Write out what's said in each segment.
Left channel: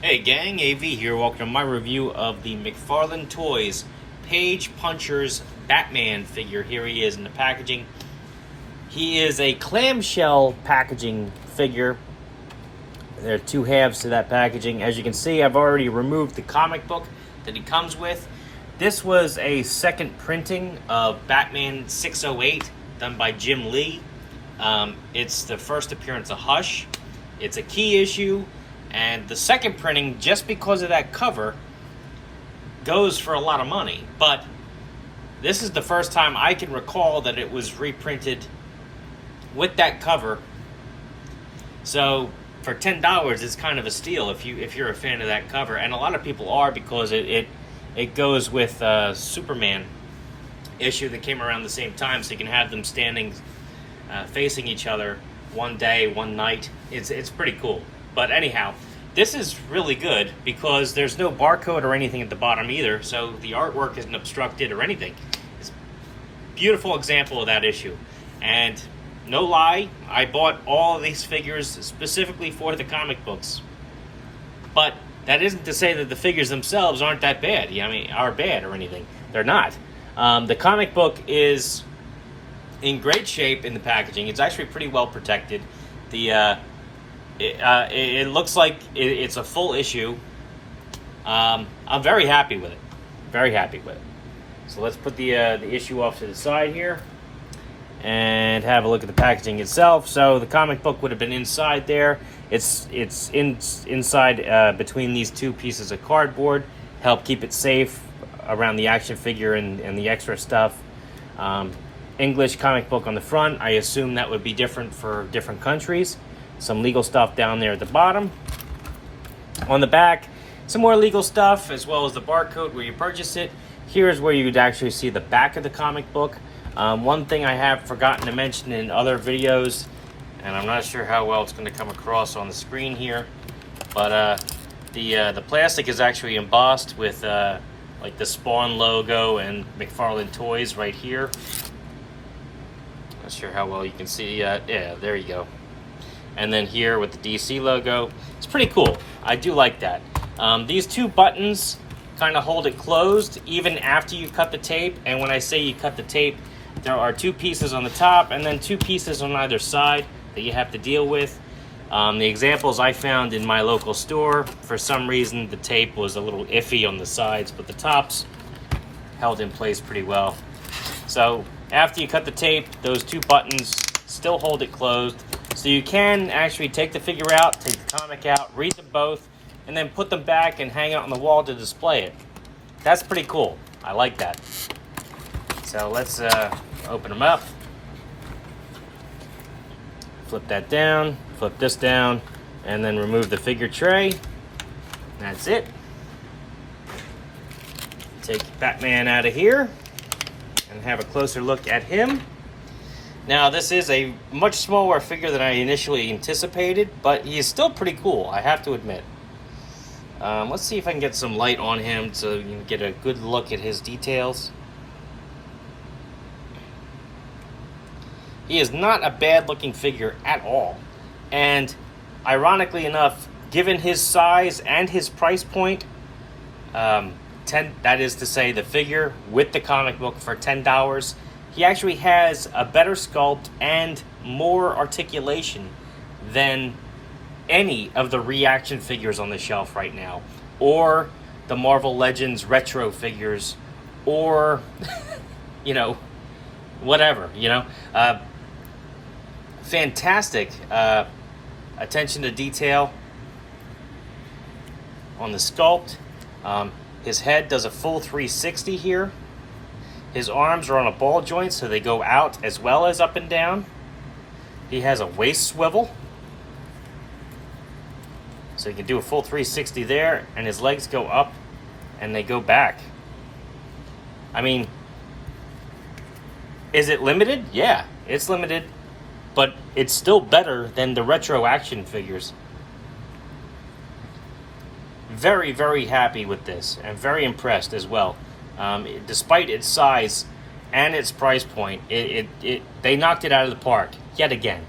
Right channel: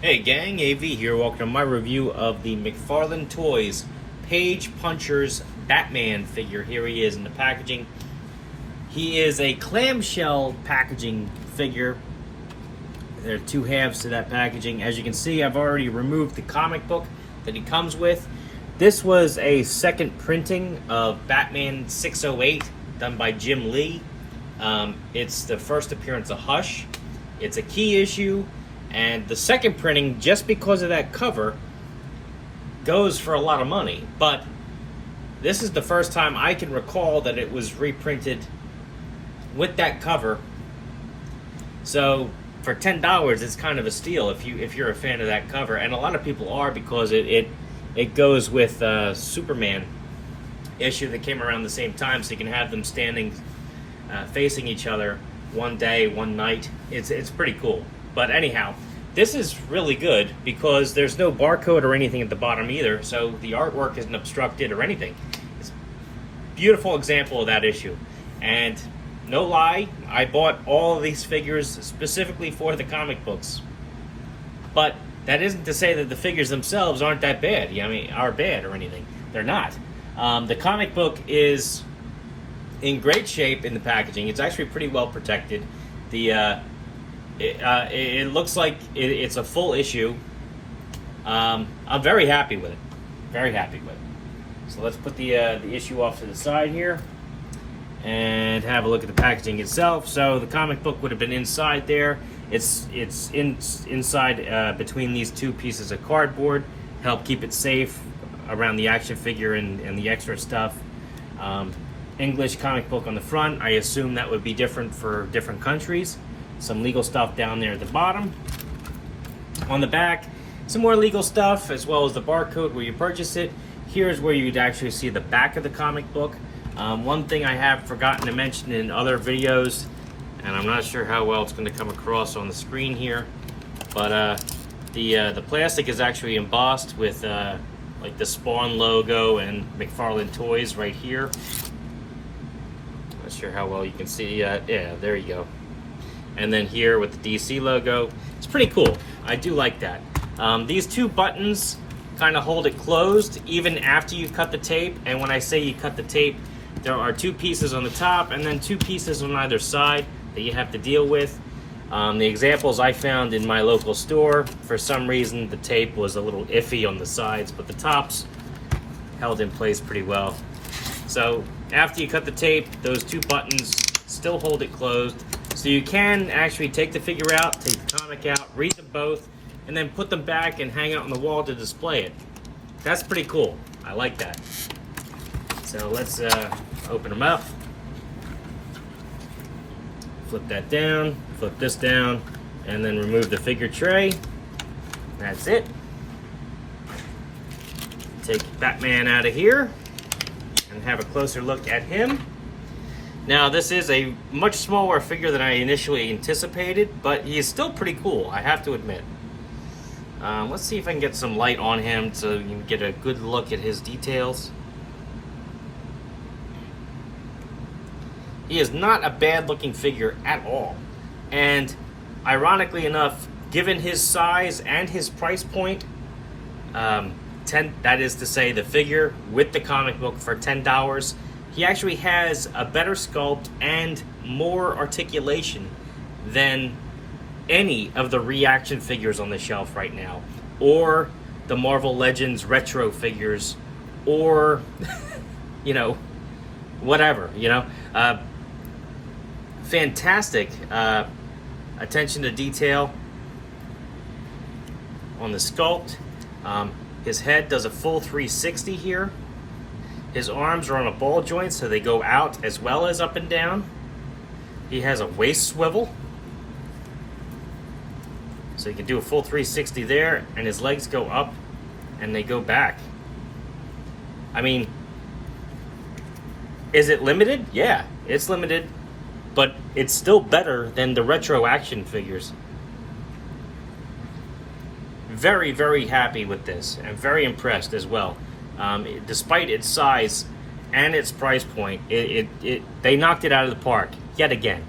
Hey gang, AV here. Welcome to my review of the McFarlane Toys Page Punchers Batman figure. Here he is in the packaging. He is a clamshell packaging figure. There are two halves to that packaging. As you can see, I've already removed the comic book that he comes with. This was a second printing of Batman 608 done by Jim Lee. It's the first appearance of Hush. It's a key issue. And the second printing, just because of that cover, goes for a lot of money. But this is the first time I can recall that it was reprinted with that cover. So for $10, it's kind of a steal if you're a fan of that cover, and a lot of people are, because it goes with Superman issue that came around the same time, so you can have them standing facing each other one day, one night. It's pretty cool. But anyhow, this is really good because there's no barcode or anything at the bottom either, so the artwork isn't obstructed or anything. It's a beautiful example of that issue. And no lie, I bought all of these figures specifically for the comic books. But that isn't to say that the figures themselves aren't that bad. I mean, are bad or anything. They're not. The comic book is in great shape in the packaging. It's actually pretty well protected. It looks like it's a full issue. I'm very happy with it. Very happy with it. So let's put the issue off to the side here and have a look at the packaging itself. So the comic book would have been inside there. It's inside between these two pieces of cardboard. Help keep it safe around the action figure and the extra stuff. English comic book on the front. I assume that would be different for different countries. Some legal stuff down there at the bottom. On the back, some more legal stuff, as well as the barcode where you purchase it. Here's where you'd actually see the back of the comic book. One thing I have forgotten to mention in other videos, and I'm not sure how well it's going to come across on the screen here, but the plastic is actually embossed with like the Spawn logo and McFarlane Toys right here. Not sure how well you can see. Yeah, there you go. And then here with the DC logo. It's pretty cool. I do like that. These two buttons kind of hold it closed even after you cut the tape. And when I say you cut the tape, there are two pieces on the top and then two pieces on either side that you have to deal with. The examples I found in my local store, for some reason the tape was a little iffy on the sides, but the tops held in place pretty well. So after you cut the tape, those two buttons still hold it closed. So you can actually take the figure out, take the comic out, read them both, and then put them back and hang out on the wall to display it. That's pretty cool. I like that. So let's open them up. Flip that down, flip this down, and then remove the figure tray. That's it. Take Batman out of here and have a closer look at him. Now, this is a much smaller figure than I initially anticipated, but he is still pretty cool, I have to admit. Let's see if I can get some light on him so you can get a good look at his details. He is not a bad-looking figure at all. And ironically enough, given his size and his price point, that is to say the figure with the comic book for $10, he actually has a better sculpt and more articulation than any of the reaction figures on the shelf right now, or the Marvel Legends retro figures, or, you know, whatever, you know. Fantastic attention to detail on the sculpt. His head does a full 360 here. His arms are on a ball joint, so they go out as well as up and down. He has a waist swivel, so you can do a full 360 there, and his legs go up and they go back. I mean, is it limited? Yeah, it's limited, but it's still better than the retro action figures. Very, very happy with this, and very impressed as well. Despite its size and its price point, they knocked it out of the park yet again.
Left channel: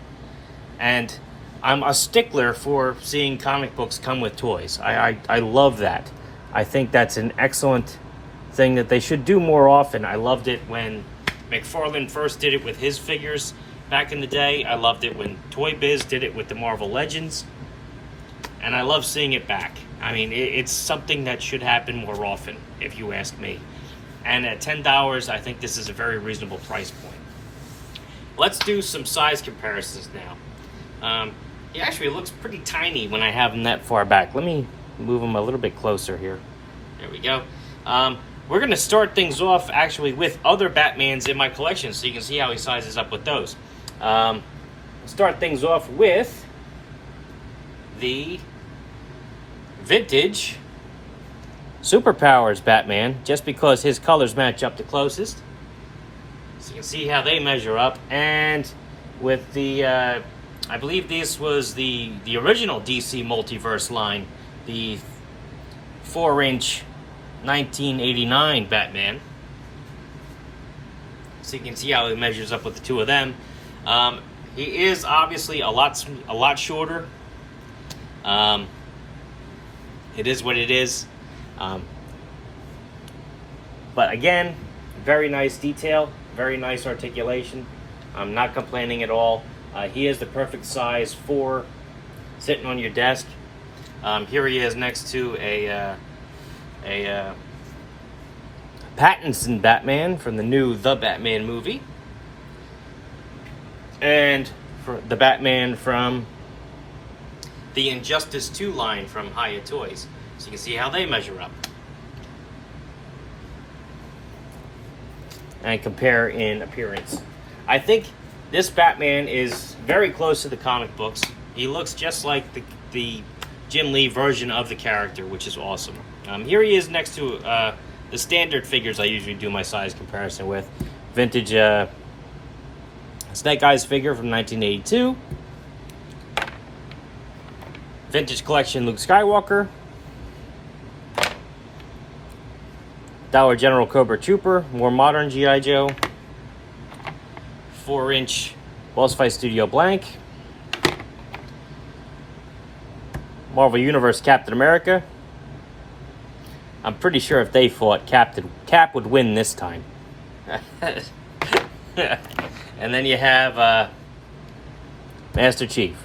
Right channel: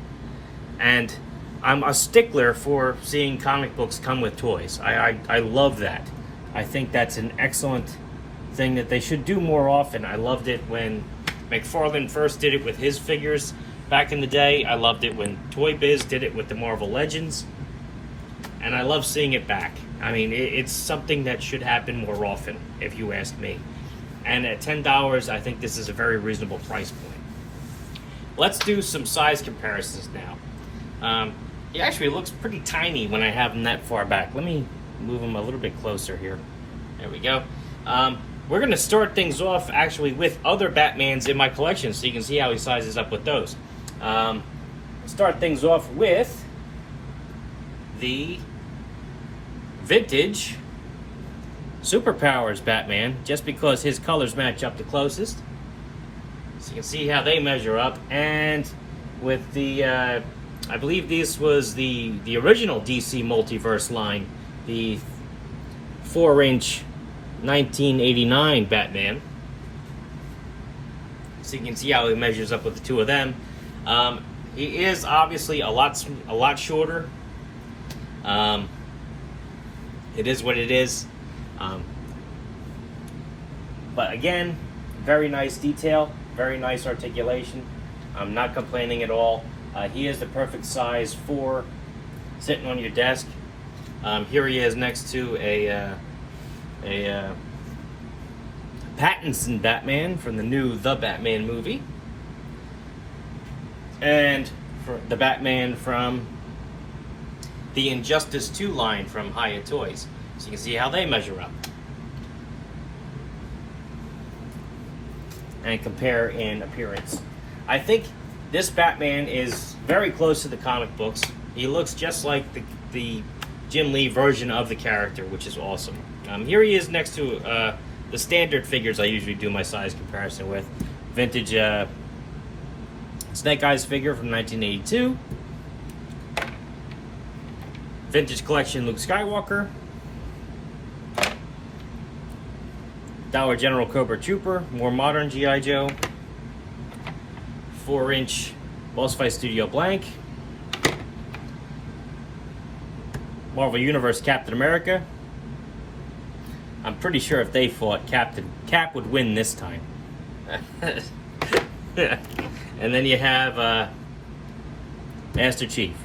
And I'm a stickler for seeing comic books come with toys. I love that. I think that's an excellent thing that they should do more often. I loved it when McFarlane first did it with his figures back in the day. I loved it when Toy Biz did it with the Marvel Legends. And I love seeing it back. I mean, it's something that should happen more often, if you ask me. And at $10, I think this is a very reasonable price point. Let's do some size comparisons now. It actually looks pretty tiny when I have them that far back. Let me move them a little bit closer here. There we go. We're going to start things off actually with other Batmans in my collection, so you can see how he sizes up with those. Start things off with the vintage Superpowers Batman, just because his colors match up the closest. So you can see how they measure up. And with the, I believe this was the original DC Multiverse line, the 4-inch 1989 Batman. So you can see how he measures up with the two of them. He is obviously a lot shorter. It is what it is. But again, very nice detail, very nice articulation. I'm not complaining at all. He is the perfect size for sitting on your desk. Here he is next to a Pattinson Batman from the new The Batman movie, and for the Batman from the Injustice 2 line from Hiya Toys. So you can see how they measure up and compare in appearance. I think this Batman is very close to the comic books. He looks just like the Jim Lee version of the character, which is awesome. Here he is next to the standard figures I usually do my size comparison with. Vintage Snake Eyes figure from 1982. Vintage collection Luke Skywalker. Dollar General Cobra Trooper, more modern G.I. Joe. 4-inch Boss Fight Studio Blank. Marvel Universe Captain America. I'm pretty sure if they fought, Cap would win this time. And then you have Master Chief.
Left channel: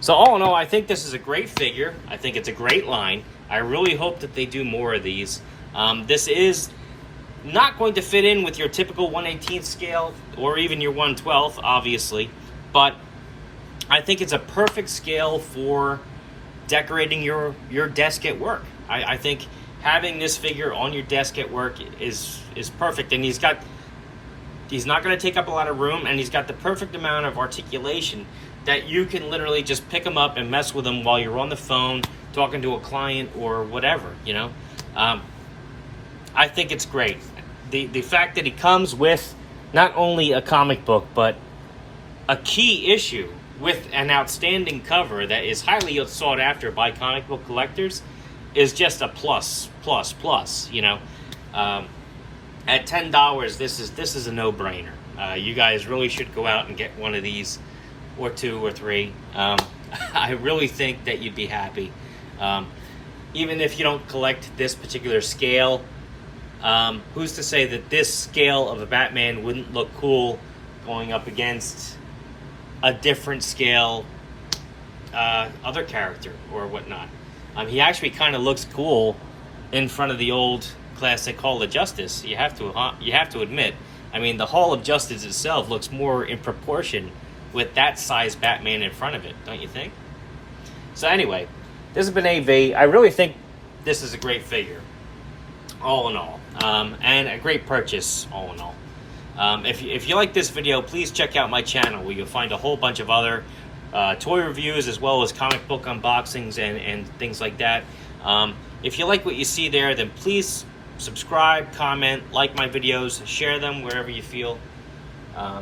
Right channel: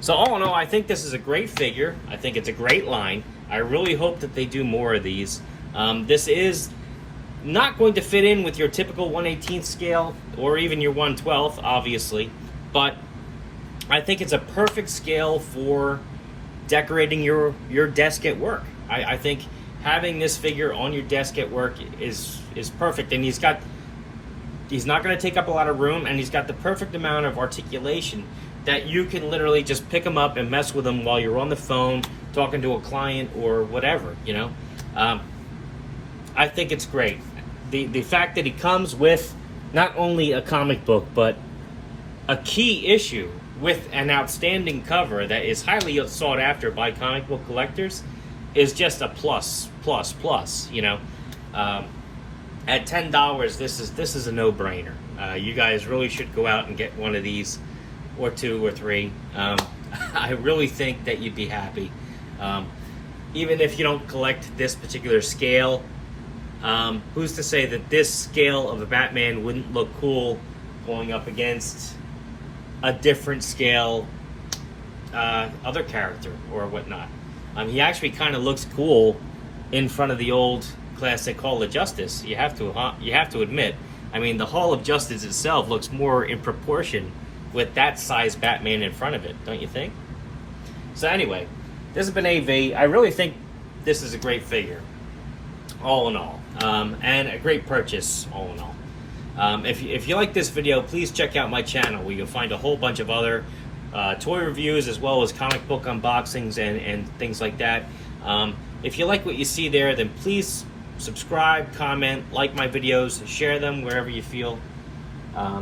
So all in all, I think this is a great figure. I think it's a great line. I really hope that they do more of these. This is not going to fit in with your typical 1/18 scale or even your 1/12, obviously, but I think it's a perfect scale for decorating your desk at work. I think having this figure on your desk at work is perfect, and he's not going to take up a lot of room, and he's got the perfect amount of articulation that you can literally just pick him up and mess with him while you're on the phone talking to a client or whatever, you know. I think it's great. The fact that he comes with not only a comic book, but a key issue with an outstanding cover that is highly sought after by comic book collectors is just a plus, you know. At $10, this is a no-brainer. You guys really should go out and get one of these, or two or three. I really think that you'd be happy. Even if you don't collect this particular scale, who's to say that this scale of a Batman wouldn't look cool going up against a different scale other character or whatnot? He actually kind of looks cool in front of the old classic Hall of Justice. You have to admit. I mean, the Hall of Justice itself looks more in proportion with that size Batman in front of it, don't you think? So anyway, this has been AV. I really think this is a great figure, all in all, and a great purchase, all in all. If you like this video, please check out my channel, where you'll find a whole bunch of other toy reviews, as well as comic book unboxings and things like that. If you like what you see there, then please subscribe, comment, like my videos, share them wherever you feel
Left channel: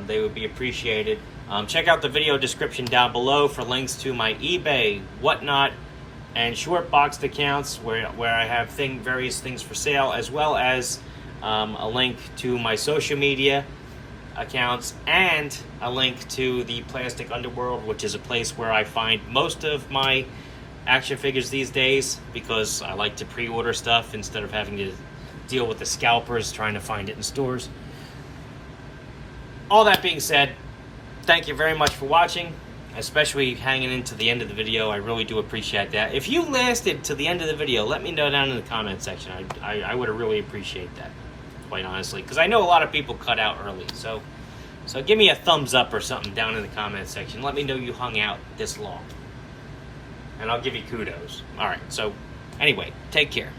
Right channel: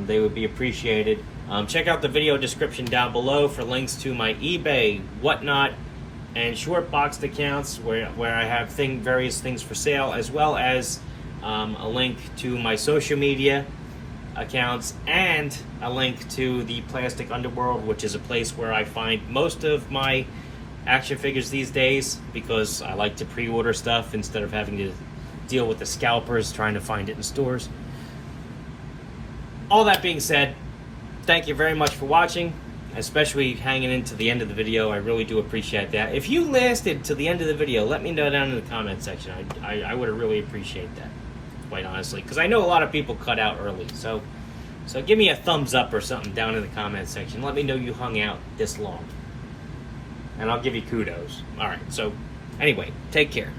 they would be appreciated. Check out the video description down below for links to my eBay, Whatnot, and Shortboxed accounts where I have various things for sale, as well as a link to my social media accounts and a link to the Plastic Underworld, which is a place where I find most of my action figures these days, because I like to pre-order stuff instead of having to deal with the scalpers trying to find it in stores. All that being said, thank you very much for watching, especially hanging into the end of the video. I really do appreciate that. If you lasted to the end of the video, let me know down in the comment section. I would really appreciate that, quite honestly, because I know a lot of people cut out early. So give me a thumbs up or something down in the comment section. Let me know you hung out this long, and I'll give you kudos. All right, so anyway, take care.